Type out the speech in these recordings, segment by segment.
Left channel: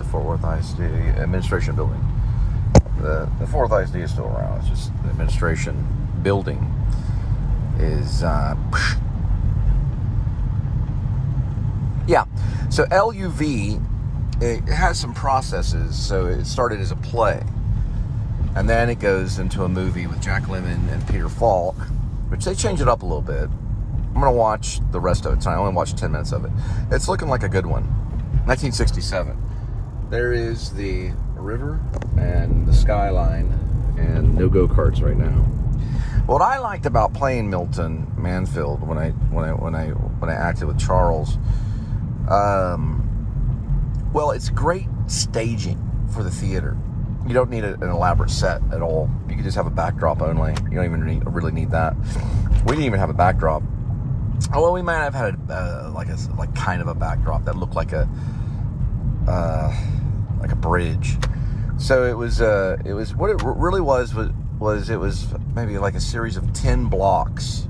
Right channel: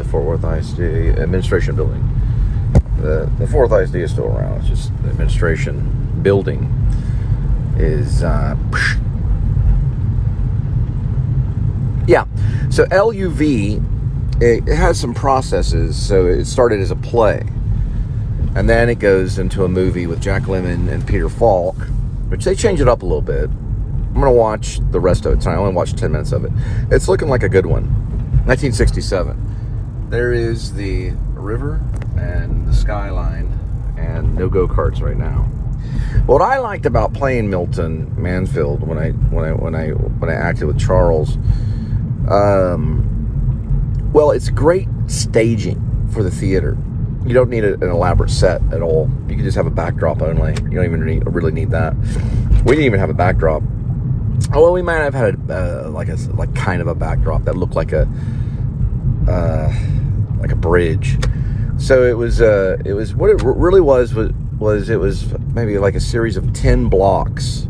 the Fort Worth ISD administration building. The Fort Worth ISD is still around. It's just the administration building is yeah. So LUV, it has some processes. So it started as a play, and then it goes into a movie with Jack Lemmon and Peter Falk, which they change it up a little bit. I'm gonna watch the rest of it tonight. I only watched 10 minutes of it. It's looking like a good one. 1967. There is the river and the skyline, and no go-karts right now. What I liked about playing Milton Mansfield when I acted with Charles, well, it's great staging for the theater. You don't need an elaborate set at all. You can just have a backdrop only. You don't even really need that. We didn't even have a backdrop. Oh, well, we might have had like kind of a backdrop that looked like a bridge. So it was what it really was it was maybe like a series of 10 blocks,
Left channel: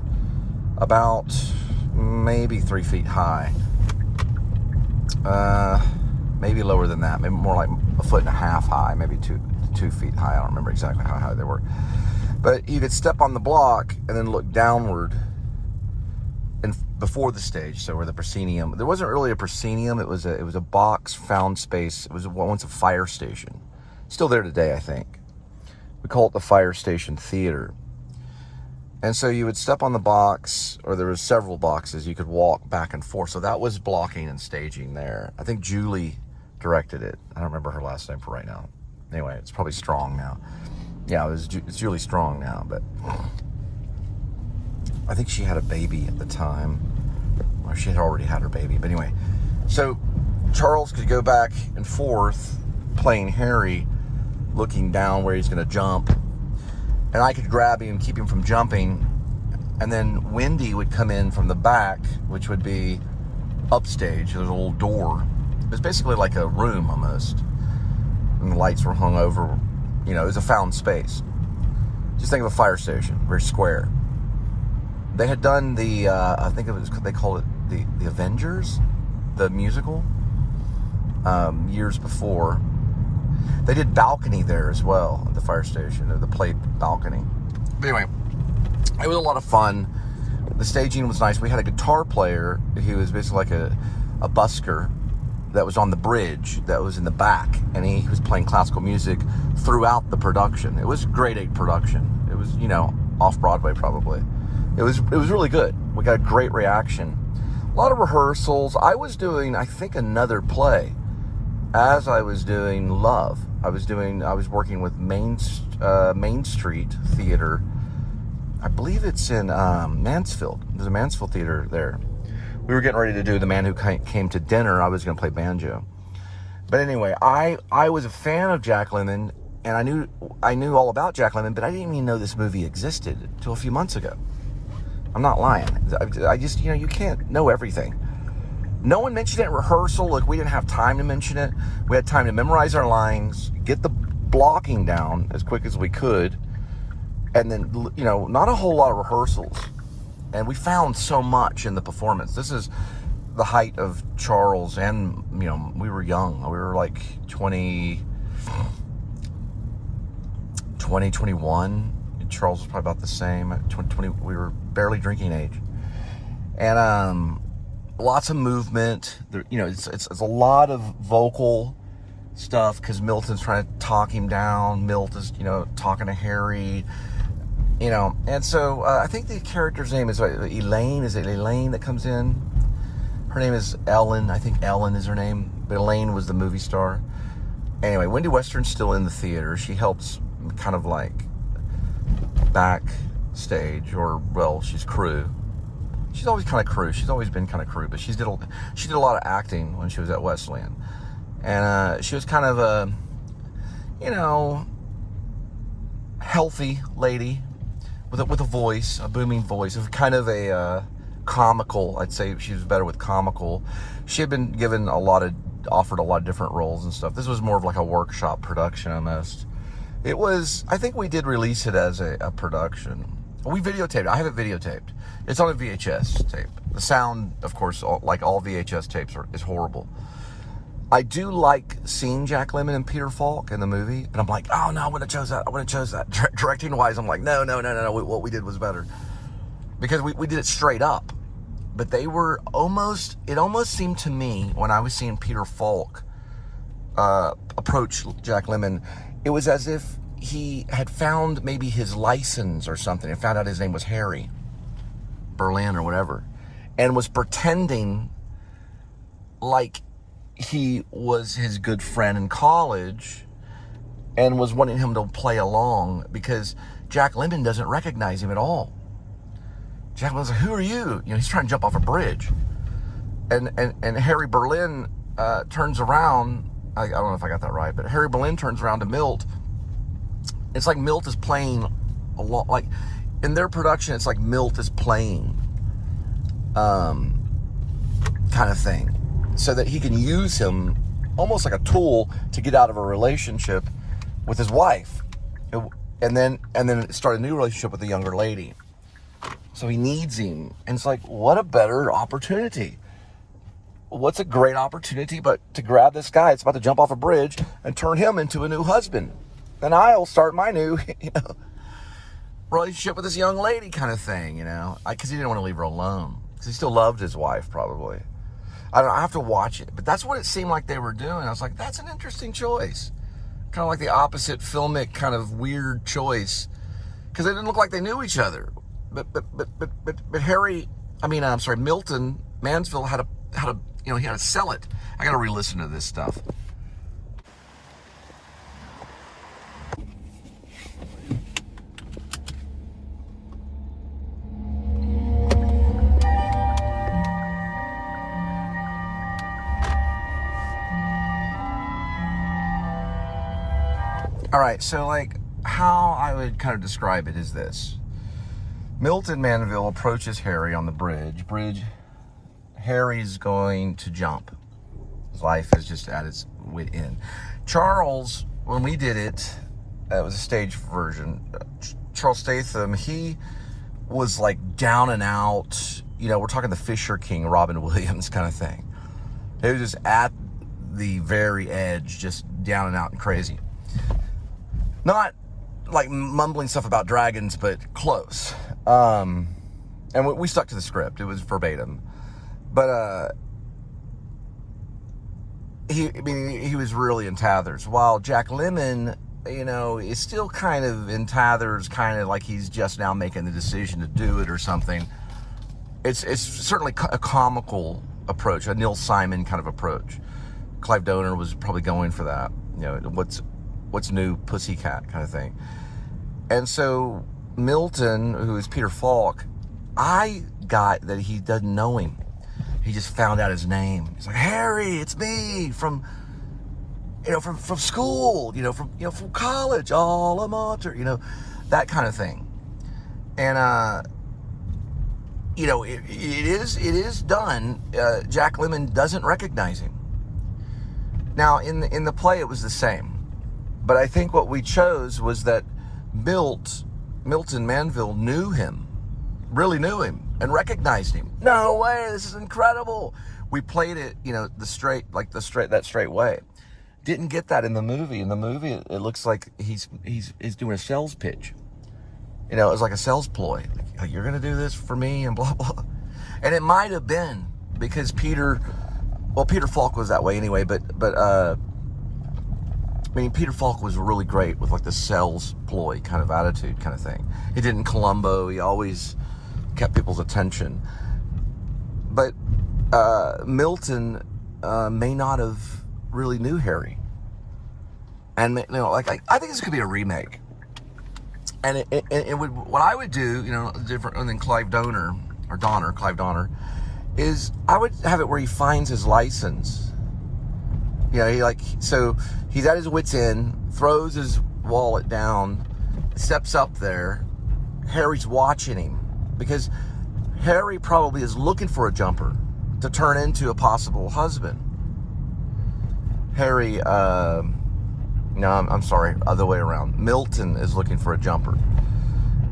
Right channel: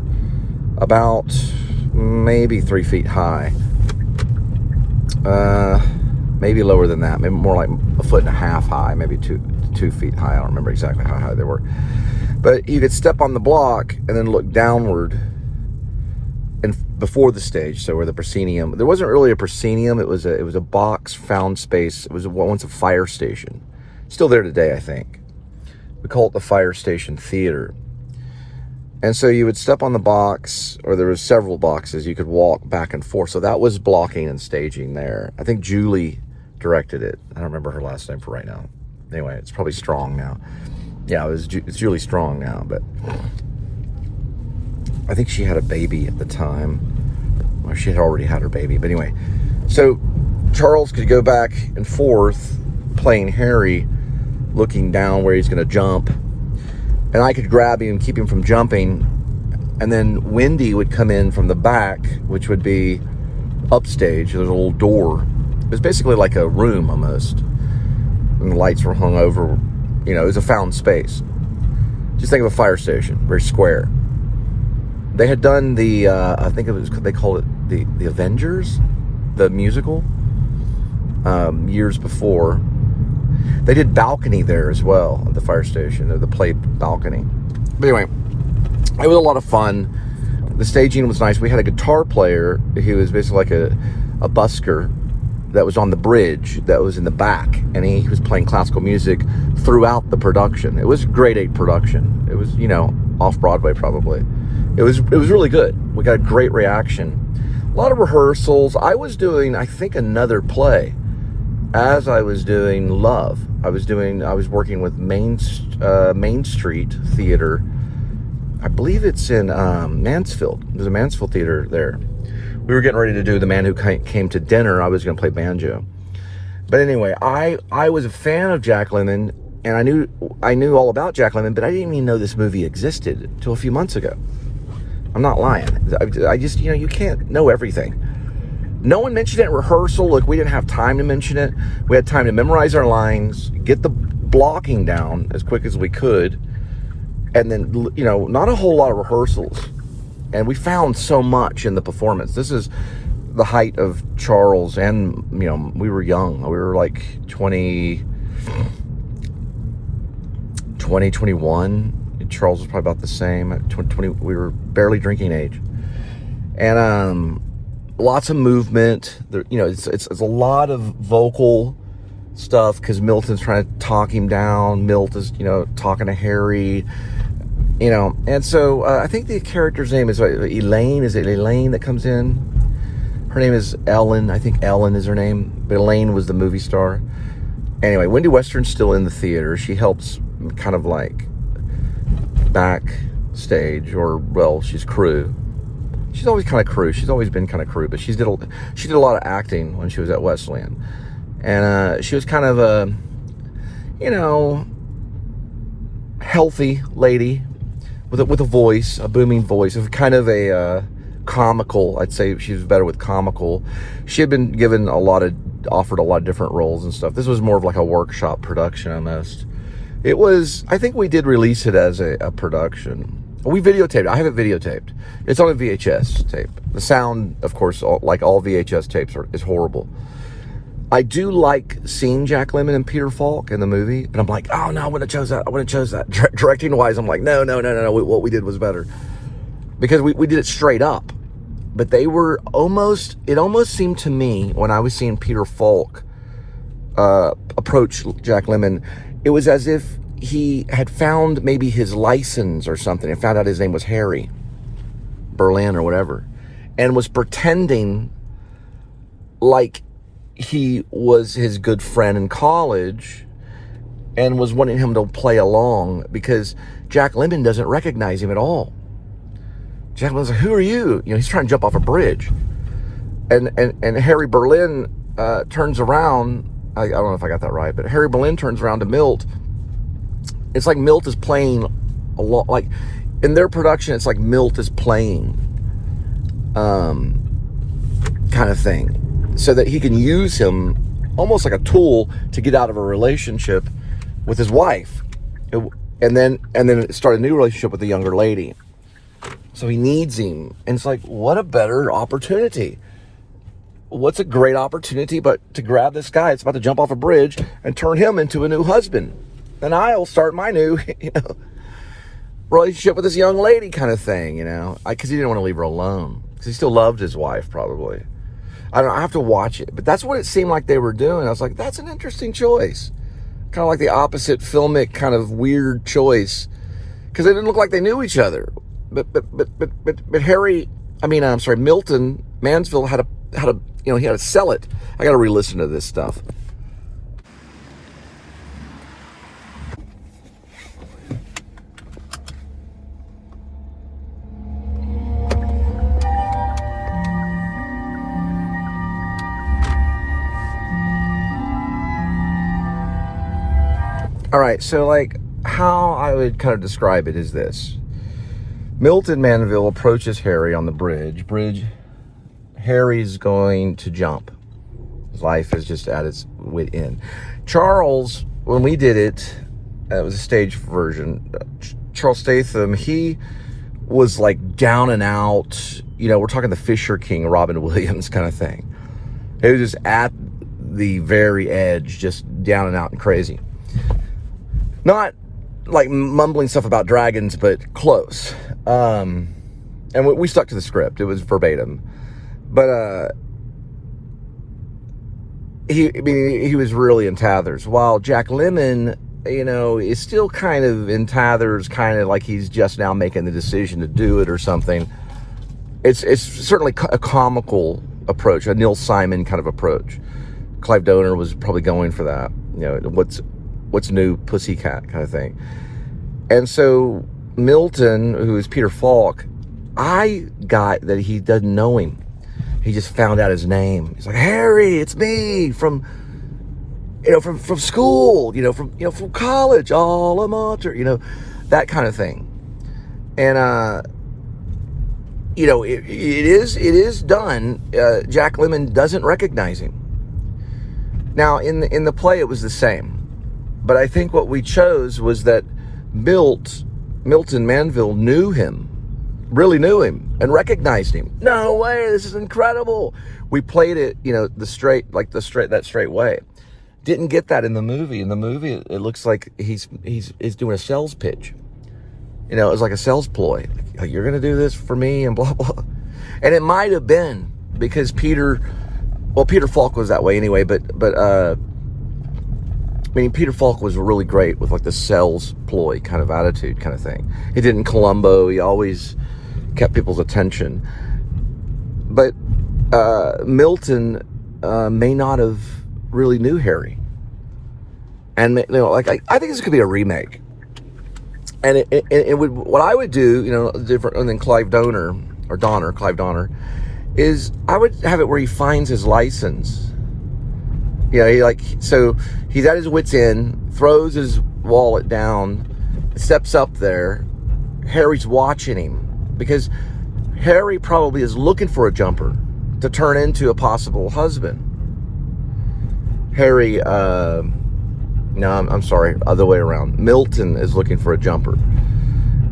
about maybe 3 feet high, maybe lower than that, maybe more like 1.5 feet high, maybe 2 feet high. I don't remember exactly how high they were, but you could step on the block and then look downward and before the stage. So where the proscenium, there wasn't really a proscenium, it was a box found space. It was once a fire station, still there today, I think. We call it the Fire Station Theater. And so you would step on the box, or there was several boxes, you could walk back and forth. So that was blocking and staging there. I think Julie directed it. I don't remember her last name for right now. Anyway, it's probably Strong now. Yeah, it's Julie Strong now, but I think she had a baby at the time. Or she had already had her baby. But anyway, so Charles could go back and forth playing Harry, looking down where he's going to jump. And I could grab him, keep him from jumping. And then Wendy would come in from the back, which would be upstage. There's a little door. It was basically like a room almost. And the lights were hung over. You know, it was a found space. Just think of a fire station, very square. They had done the, I think they called it the Avengers, the musical, years before. They did balcony there as well at the fire station, the play balcony. But anyway, it was a lot of fun. The staging was nice. We had a guitar player who was basically like a busker that was on the bridge that was in the back, and he was playing classical music throughout the production. It was grade 8 production. It was, you know, off Broadway probably. It was really good. We got a great reaction. A lot of rehearsals. I was doing, I think, another play as I was doing Love. I was working with Main Street Theater. I believe it's in Mansfield. There's a Mansfield Theater there. We were getting ready to do The Man Who Came to Dinner. I was going to play banjo. But anyway, I was a fan of Jack Lemmon, and I knew all about Jack Lemmon, but I didn't even know this movie existed until a few months ago. I'm not lying. I just, you know, you can't know everything. No one mentioned it in rehearsal. Look, we didn't have time to mention it. We had time to memorize our lines, get the blocking down as quick as we could, and then, you know, not a whole lot of rehearsals. And we found so much in the performance. This is the height of Charles, and, you know, we were young. We were like 21. Charles was probably about the same. 20, we were barely drinking age. And lots of movement. There, you know, it's a lot of vocal stuff because Milton's trying to talk him down. Milt is, you know, talking to Harry. You know, and so I think the character's name is Elaine. Is it Elaine that comes in? Her name is Ellen. I think Ellen is her name. But Elaine was the movie star. Anyway, Wendy Western's still in the theater. She helps kind of like backstage, or, well, she's crew. She's always kind of crew. She's always been kind of crew, but she did a lot of acting when she was at Wesleyan. And she was kind of a, you know, healthy lady with a voice, a booming voice, of kind of a comical. I'd say she was better with comical. She had been offered a lot of different roles and stuff. This was more of like a workshop production almost. It was, I think we did release it as a production. We videotaped it. I have it videotaped. It's on a VHS tape. The sound, of course, like all VHS tapes, is horrible. I do like seeing Jack Lemmon and Peter Falk in the movie, and I'm like, oh no, I wouldn't have chose that. I wouldn't have chose that. Directing wise, I'm like, no. What we did was better because we did it straight up. But they were almost. It almost seemed to me when I was seeing Peter Falk approach Jack Lemmon, it was as if he had found maybe his license or something and found out his name was Harry Berlin or whatever, and was pretending like he was his good friend in college and was wanting him to play along because Jack Lemmon doesn't recognize him at all. Jack Lemmon's like, who are you? You know, he's trying to jump off a bridge. And Harry Berlin turns around. I don't know if I got that right, but Harry Berlin turns around to Milt. It's like Milt is playing a lot, like in their production, it's like Milt is playing kind of thing, so that he can use him almost like a tool to get out of a relationship with his wife, and then start a new relationship with a younger lady. So he needs him, and it's like, what a better opportunity. What's a great opportunity but to grab this guy that's about to jump off a bridge and turn him into a new husband. And I'll start my new, relationship with this young lady kind of thing, because he didn't want to leave her alone. Because he still loved his wife, probably. I don't know, I have to watch it. But that's what it seemed like they were doing. I was like, that's an interesting choice. Kind of like the opposite filmic kind of weird choice. Because they didn't look like they knew each other. But Milton Mansfield had a he had to sell it. I got to re-listen to this stuff. All right, so like how I would kind of describe it is this. Milton Manville approaches Harry on the bridge. Harry's going to jump. His life is just at its wit end. Charles, when we did it, it was a stage version. Charles Statham, he was like down and out. We're talking the Fisher King, Robin Williams kind of thing. He was just at the very edge, just down and out and crazy. Not like mumbling stuff about dragons, but close. And we stuck to the script. It was verbatim. But he was really in tathers. While Jack Lemmon, is still kind of in tathers, kind of like he's just now making the decision to do it or something. It's certainly a comical approach, a Neil Simon kind of approach. Clive Donor was probably going for that. What's new, Pussycat kind of thing. And so Milton, who is Peter Falk, I got that he doesn't know him. He just found out his name. He's like, Harry, it's me from school, from college, alma mater, that kind of thing. And it is done. Jack Lemmon doesn't recognize him. Now in the play, it was the same, but I think what we chose was that Milton Manville knew him. Really knew him and recognized him. No way, this is incredible. We played it, that straight way. Didn't get that in the movie. In the movie, it looks like he's doing a sales pitch. It was like a sales ploy. Like, you're gonna do this for me and blah blah. And it might have been because Peter Falk was that way anyway. But Peter Falk was really great with like the sales ploy kind of attitude kind of thing. He did in Columbo. He always kept people's attention. But Milton may not have really knew Harry. And I think this could be a remake. And it would, what I would do, different than Clive Donor, is I would have it where he finds his license. So he's at his wit's end, throws his wallet down, steps up there. Harry's watching him because Harry probably is looking for a jumper to turn into a possible husband. Harry, no, I'm sorry, other way around. Milton is looking for a jumper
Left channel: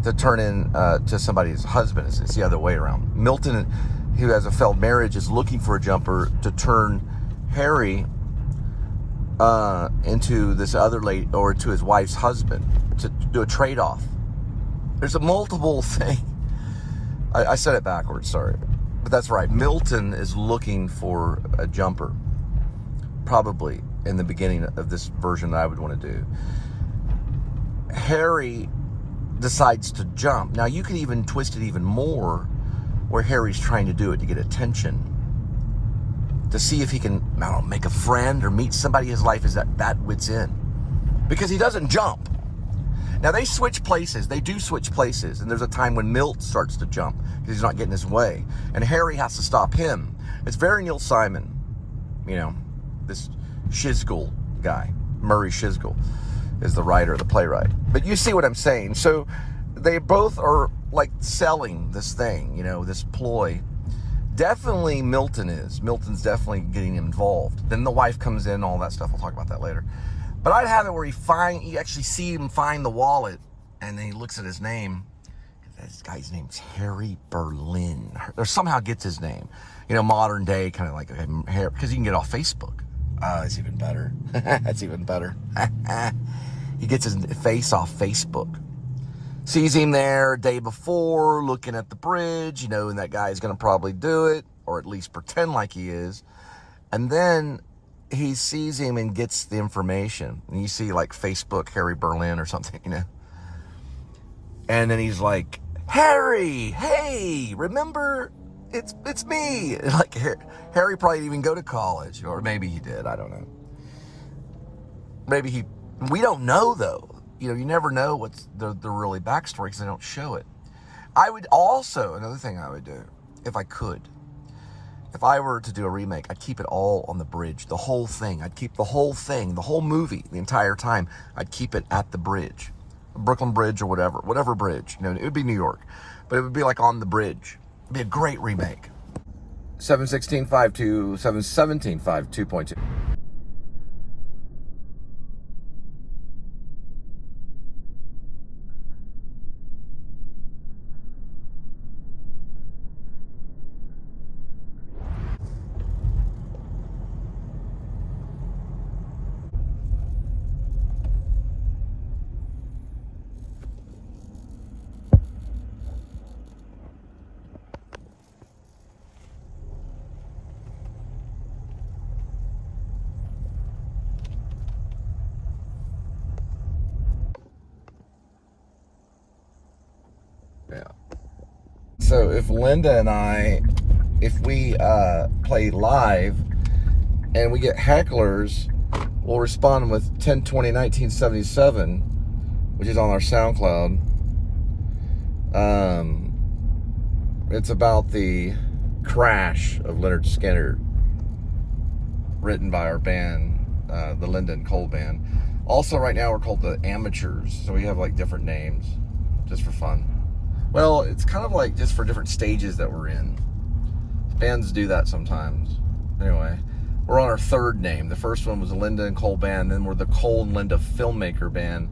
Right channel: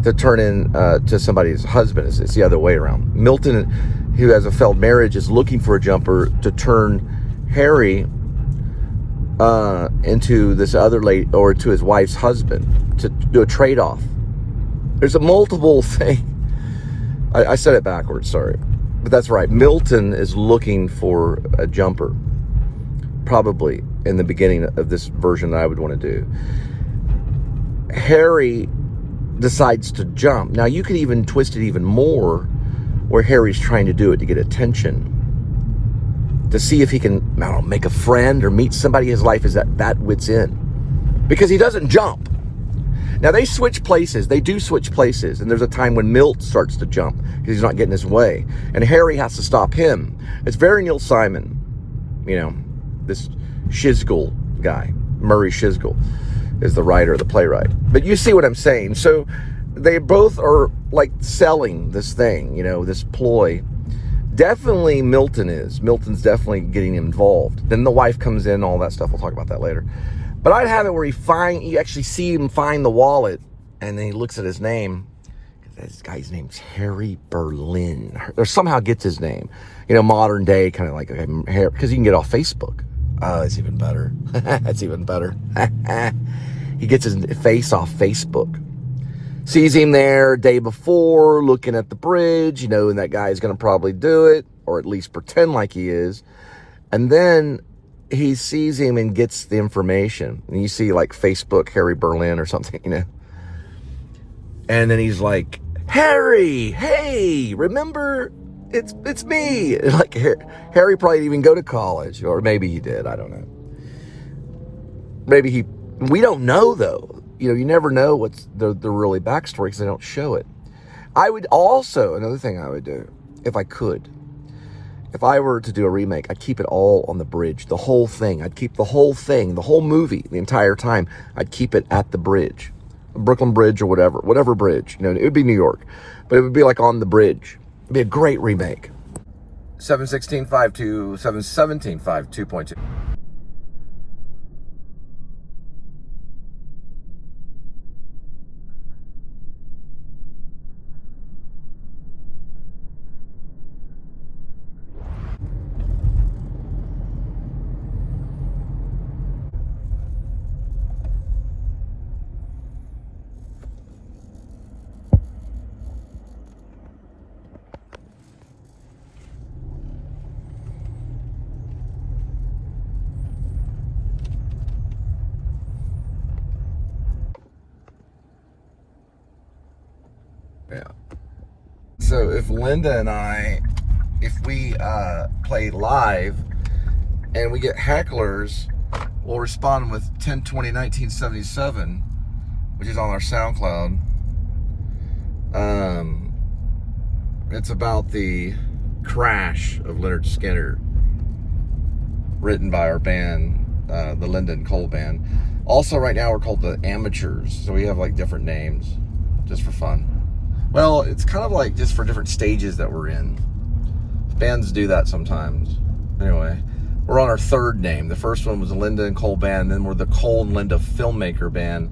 to turn in to somebody's husband. It's the other way around. Milton, who has a failed marriage, is looking for a jumper to turn Harry into this other lady, or to his wife's husband, to do a trade-off. There's a multiple thing. I said it backwards, sorry. But that's right. Milton is looking for a jumper, probably in the beginning of this version that I would want to do. Harry decides to jump. Now, you could even twist it even more, where Harry's trying to do it to get attention, to see if he can, I don't know, make a friend or meet somebody. His life is at that wit's end, because he doesn't jump. Now, they switch places. They do switch places. And there's a time when Milt starts to jump because he's not getting his way. And Harry has to stop him. It's very Neil Simon, you know, this Shizgul guy. Murray Shizgul is the writer, the playwright. But you see what I'm saying. So they both are like selling this thing, you know, this ploy. Definitely Milton is. Milton's definitely getting involved. Then the wife comes in, all that stuff. We'll talk about that later. But I'd have it where you actually see him find the wallet, and then he looks at his name. This guy's name's Harry Berlin, or somehow gets his name. You know, modern day, kind of like, because you can get off Facebook. Oh, that's even better. That's even better. He gets his face off Facebook. Sees him there day before, looking at the bridge, you know, and that guy's going to probably do it, or at least pretend like he is. And then he sees him and gets the information. And you see, like, Facebook Harry Berlin or something, you know. And then he's like, Harry, hey, remember, it's me. Like, Harry probably didn't even go to college, or maybe he did, I don't know. Maybe we don't know, though. You know, you never know what's the really backstory, because they don't show it. I would also, another thing I would do, if I could, if I were to do a remake, I'd keep it all on the bridge, the whole thing. I'd keep the whole thing, the whole movie, the entire time. I'd keep it at the bridge, Brooklyn Bridge or whatever bridge. You know, it would be New York, but it would be like on the bridge. It'd be a great remake. 716.52, 717.52.2. So if Linda and I, if we play live and we get hecklers, we'll respond with 10/20/1977, which is on our SoundCloud. It's about the crash of Lynyrd Skynyrd, written by our band, the Linda and Cole Band. Also, right now we're called the Amateurs, so we have like different names, just for fun. Well, it's kind of like just for different stages that we're in. Bands do that sometimes. Anyway, we're on our third name. The first one was the Linda and Cole Band, then we're the Cole and Linda Filmmaker Band,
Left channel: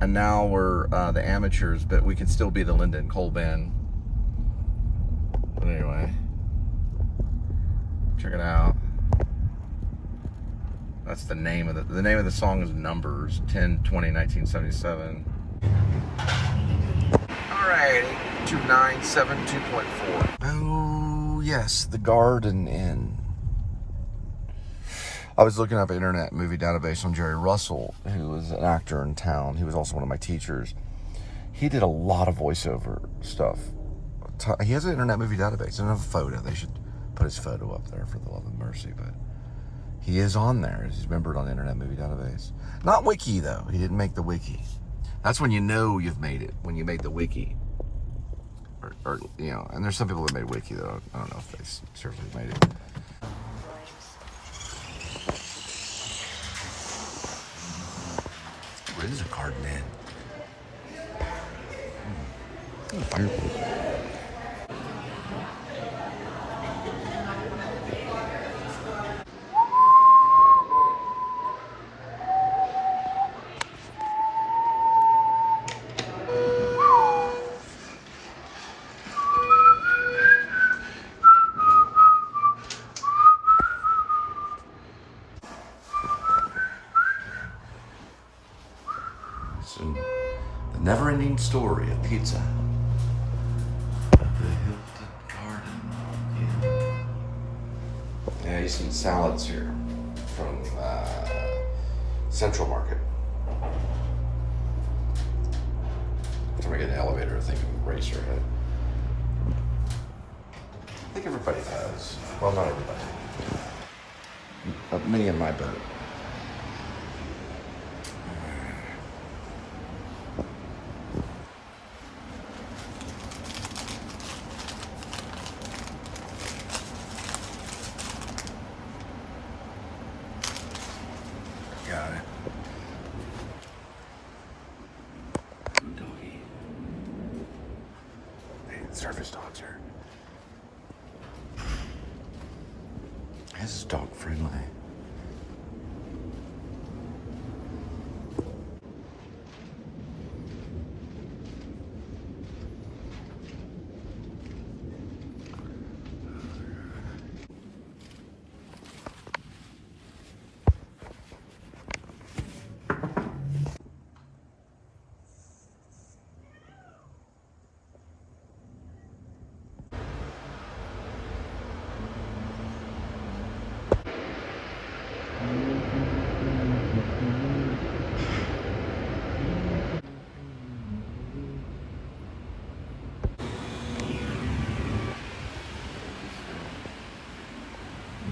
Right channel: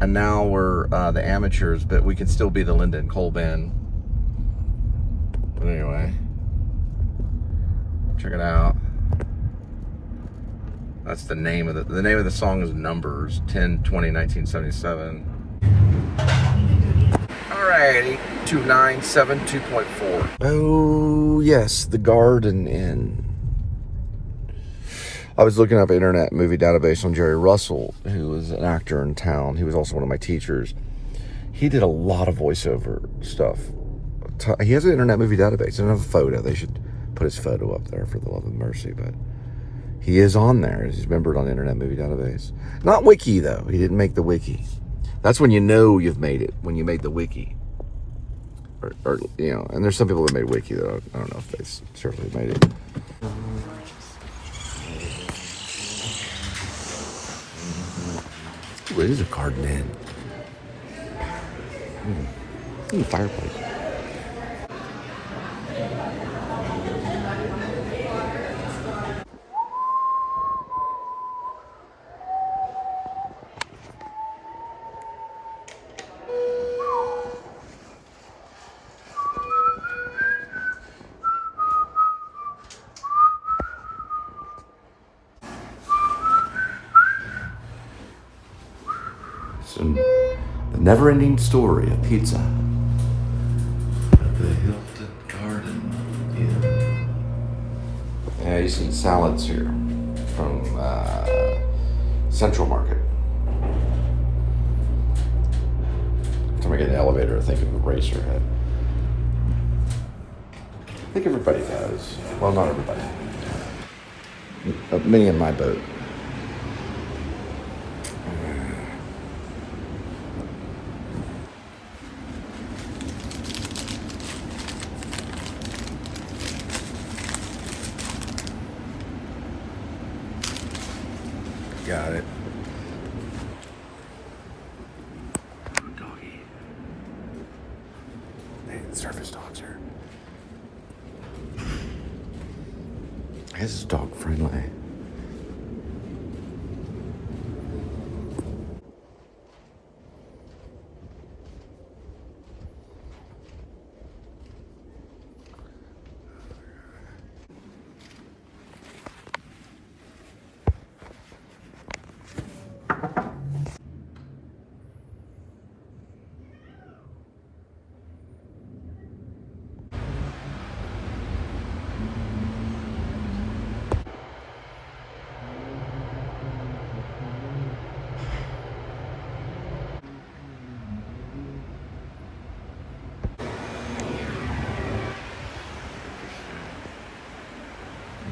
and now we're the Amateurs, but we can still be the Linda and Cole Band. But anyway, check it out. That's the name of the name of the song is Numbers, 10/20/1977. Alright, 2972.4. Oh, yes, the Garden Inn. I was looking up Internet Movie Database on Jerry Russell, who was an actor in town. He was also one of my teachers. He did a lot of voiceover stuff. He has an Internet Movie Database. He doesn't have a photo. They should put his photo up there, for the love of mercy, but he is on there. He's remembered on the Internet Movie Database. Not Wiki, though. He didn't make the Wiki. That's when you know you've made it, when you made the Wiki. Or you know, and there's some people that made Wiki, though. I don't know if they seriously made it. Ooh, it is a Garden Inn. Fireplace. Never-ending story of pizza. The Hilton Garden Inn. Yeah, you've seen salads here from Central Market. Every time I get an elevator, I think of a racer head. I think everybody does. Well, not everybody. But many in my boat. Got it. Doggy. Man, surface dogs here. This is dog friendly.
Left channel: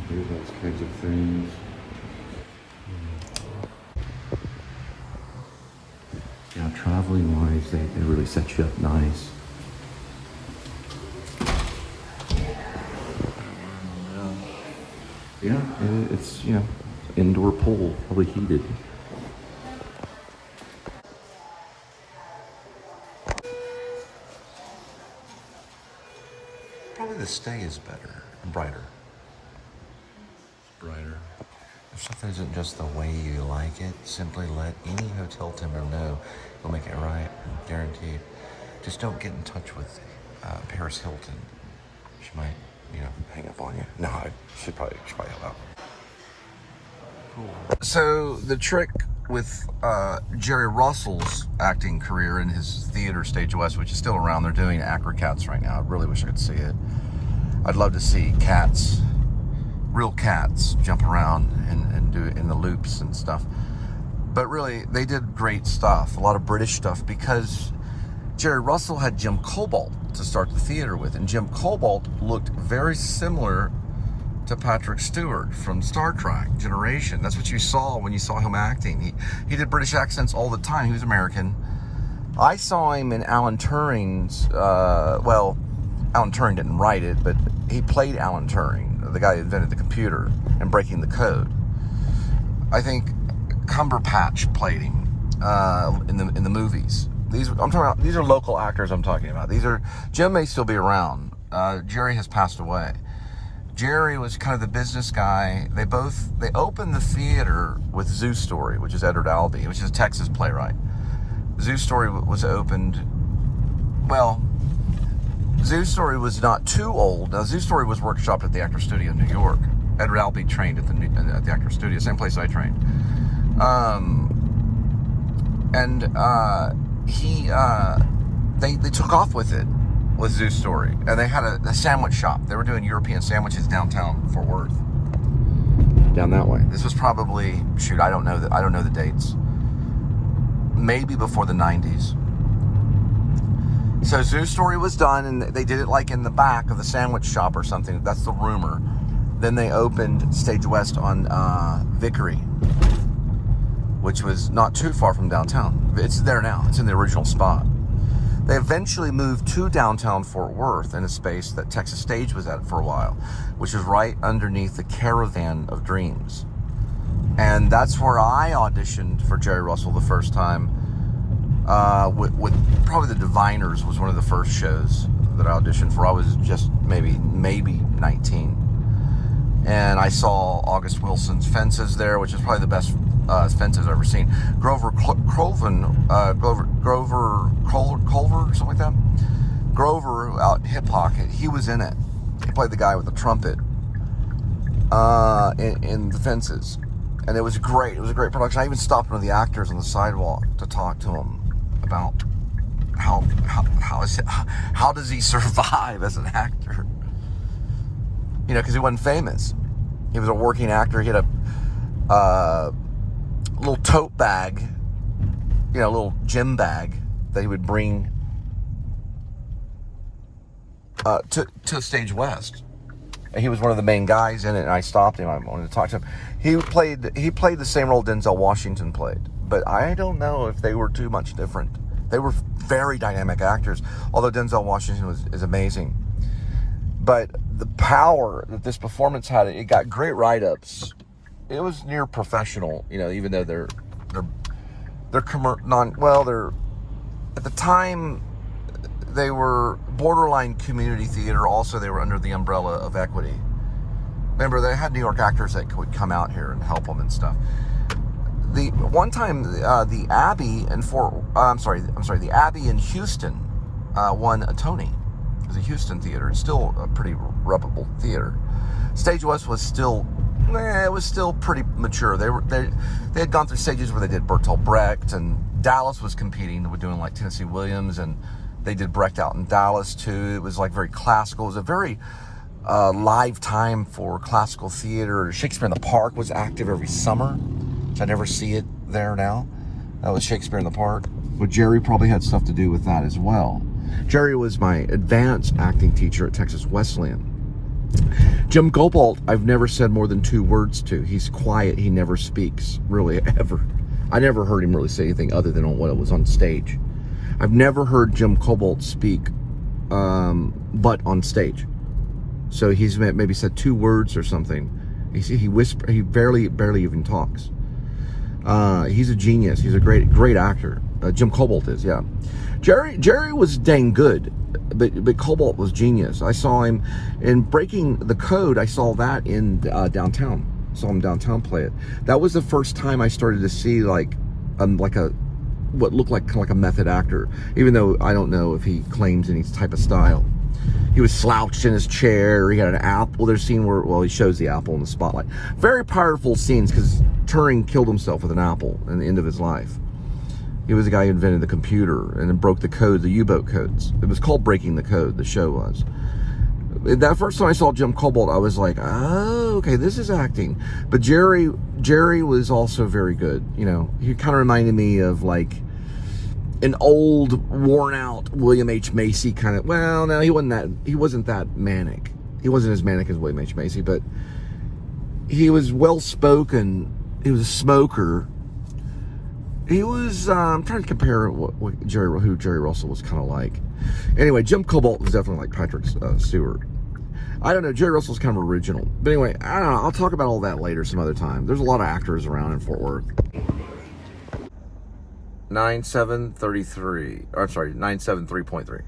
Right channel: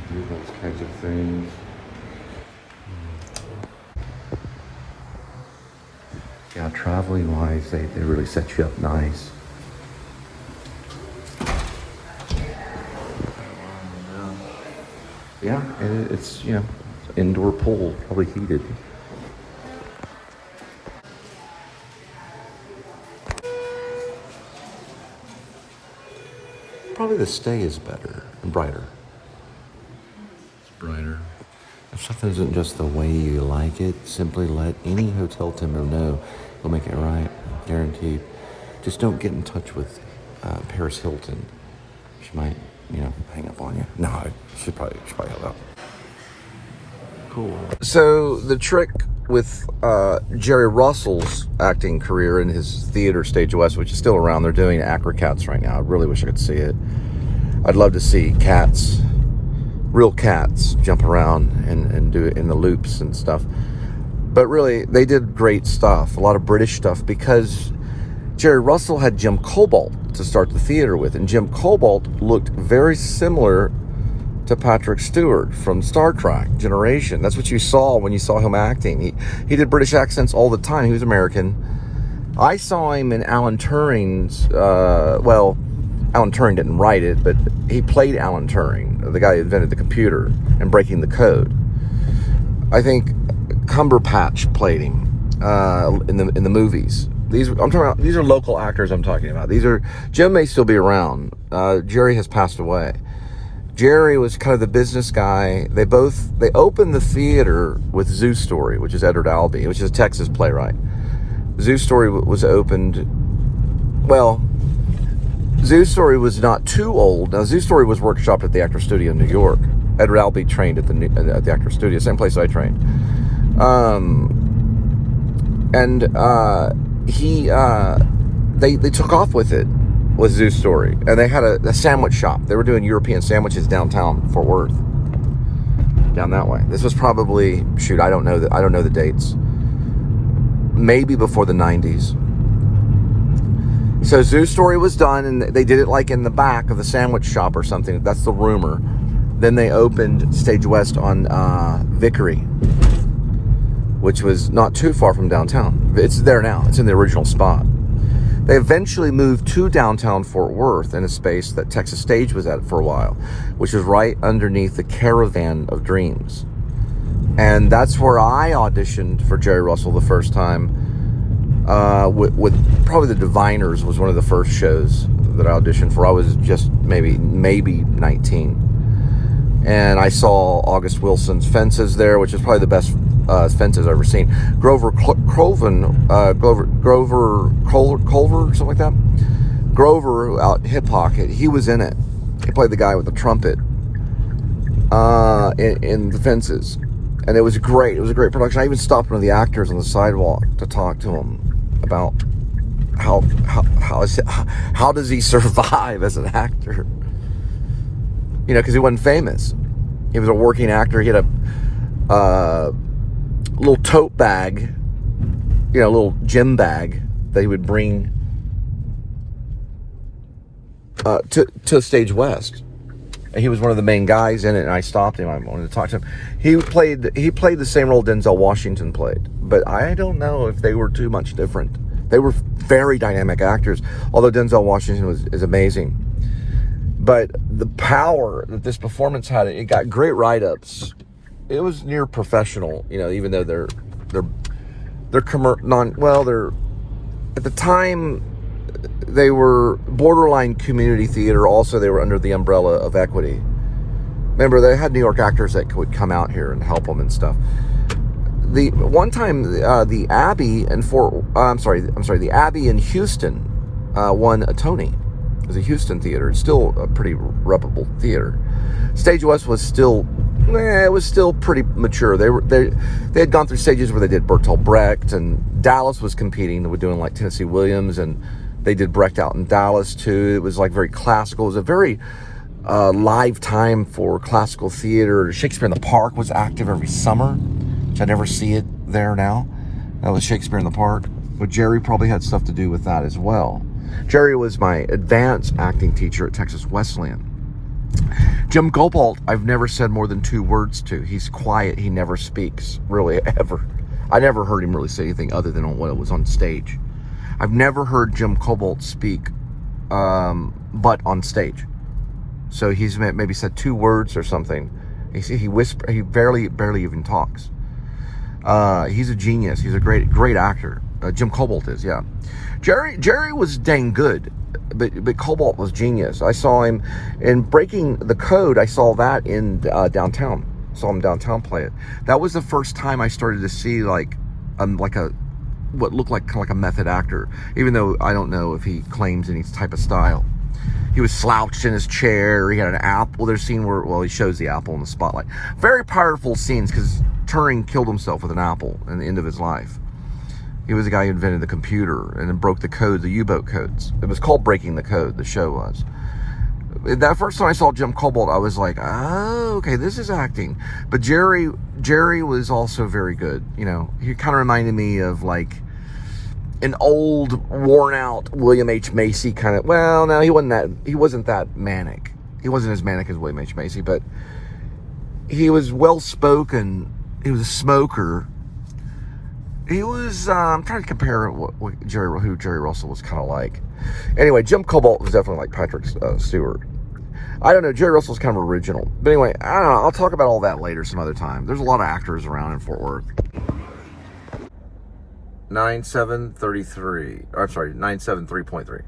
Do those kinds of things. Yeah, traveling wise, they really set you up nice. Yeah, it's, you know, indoor pool, probably heated. Probably the stay is better and brighter. It's brighter. If something isn't just the way you like it, simply let any hotel team know. We'll make it right, guaranteed. Just don't get in touch with Paris Hilton. She might, you know, hang up on you. No, she probably help out. Cool. So the trick with Jerry Russell's acting career in his theater Stage West, which is still around, they're doing Acrocats right now. I really wish I could see it. I'd love to see cats, real cats, jump around and do it in the loops and stuff. But really, they did great stuff, a lot of British stuff, because Jerry Russell had Jim Cobalt to start the theater with, and Jim Cobalt looked very similar to Patrick Stewart from Star Trek Generation. That's what you saw when you saw him acting. He did British accents all the time. He was American. I saw him in Alan Turing's, well, Alan Turing didn't write it, but he played Alan Turing, the guy who invented the computer and breaking the code. I think Cumberbatch played him in the movies. These are local actors I'm talking about. Jim may still be around. Jerry has passed away. Jerry was kind of the business guy. They opened the theater with Zoo Story, which is Edward Albee, which is a Texas playwright. Zoo Story was opened, well, Zoo Story was not too old. Now, Zoo Story was workshopped at the Actor Studio in New York. Edward Albee trained at the Actor Studio, same place I trained. They took off with it, with Zoo Story, and they had a sandwich shop. They were doing European sandwiches downtown Fort Worth, down that way. This was probably, shoot, I don't know the dates. Maybe before the 90s. So Zoo Story was done, and they did it like in the back of the sandwich shop or something. That's the rumor. Then they opened Stage West on Vickery, which was not too far from downtown. It's there now. It's in the original spot. They eventually moved to downtown Fort Worth in a space that Texas Stage was at for a while, which is right underneath the Caravan of Dreams. And that's where I auditioned for Jerry Russell the first time. With probably The Diviners was one of the first shows that I auditioned for. I was just maybe 19. And I saw August Wilson's Fences there, which is probably the best fences I've ever seen. Grover Culver, something like that. Grover out Hip Pocket, he was in it. He played the guy with the trumpet in the Fences. And it was great. It was a great production. I even stopped one of the actors on the sidewalk to talk to him about how does he survive as an actor? You know, because he wasn't famous. He was a working actor. He had a little tote bag, you know, a little gym bag that he would bring to Stage West. And he was one of the main guys in it, and I stopped him. I wanted to talk to him. He played the same role Denzel Washington played, but I don't know if they were too much different. They were very dynamic actors, although Denzel Washington is amazing. But the power that this performance had, it got great write-ups. It was near professional, you know, even though they're at the time they were borderline community theater. Also, they were under the umbrella of Equity. Remember, they had New York actors that would come out here and help them and stuff. The one time, the Abbey the Abbey in Houston won a Tony. It was a Houston theater. It's still a pretty reputable theater. Stage West was still, it was still pretty mature. They had gone through stages where they did Bertolt Brecht, and Dallas was competing. They were doing like Tennessee Williams, and they did Brecht out in Dallas too. It was like very classical. It was a very live time for classical theater. Shakespeare in the Park was active every summer, which I never see it there now. That was Shakespeare in the Park. But Jerry probably had stuff to do with that as well. Jerry was my advanced acting teacher at Texas Wesleyan. Jim Cobalt, I've never said more than 2 words to. He's quiet. He never speaks, really, ever. I never heard him really say anything other than when it was on stage. I've never heard Jim Cobalt speak, but on stage. So he's maybe said 2 words or something. He whispers. He barely even talks. He's a genius. He's a great actor. Jim Cobalt is, yeah. Jerry was dang good, but Cobalt was genius. I saw him in Breaking the Code. I saw that in downtown. Saw him downtown play it. That was the first time I started to see like what looked like kind of like a method actor. Even though I don't know if he claims any type of style. He was slouched in his chair. He had an apple. There's a scene where, well, he shows the apple in the spotlight. Very powerful scenes because Turing killed himself with an apple in the end of his life. He was the guy who invented the computer and then broke the code, the U-boat codes. It was called Breaking the Code, the show was. That first time I saw Jim Cobalt, I was like, oh, okay, this is acting. But Jerry was also very good. You know, he kind of reminded me of like an old, worn-out William H. Macy kind of. Well, no, he wasn't that manic. He wasn't as manic as William H. Macy, but he was well-spoken. He was a smoker. He was, I'm trying to compare who Jerry Russell was kind of like. Anyway, Jim Cobalt was definitely like Patrick Stewart. I don't know, Jerry Russell's kind of original. But anyway, I don't know, I'll talk about all that later some other time. There's a lot of actors around in Fort Worth. 9733, or I'm sorry, 973.3.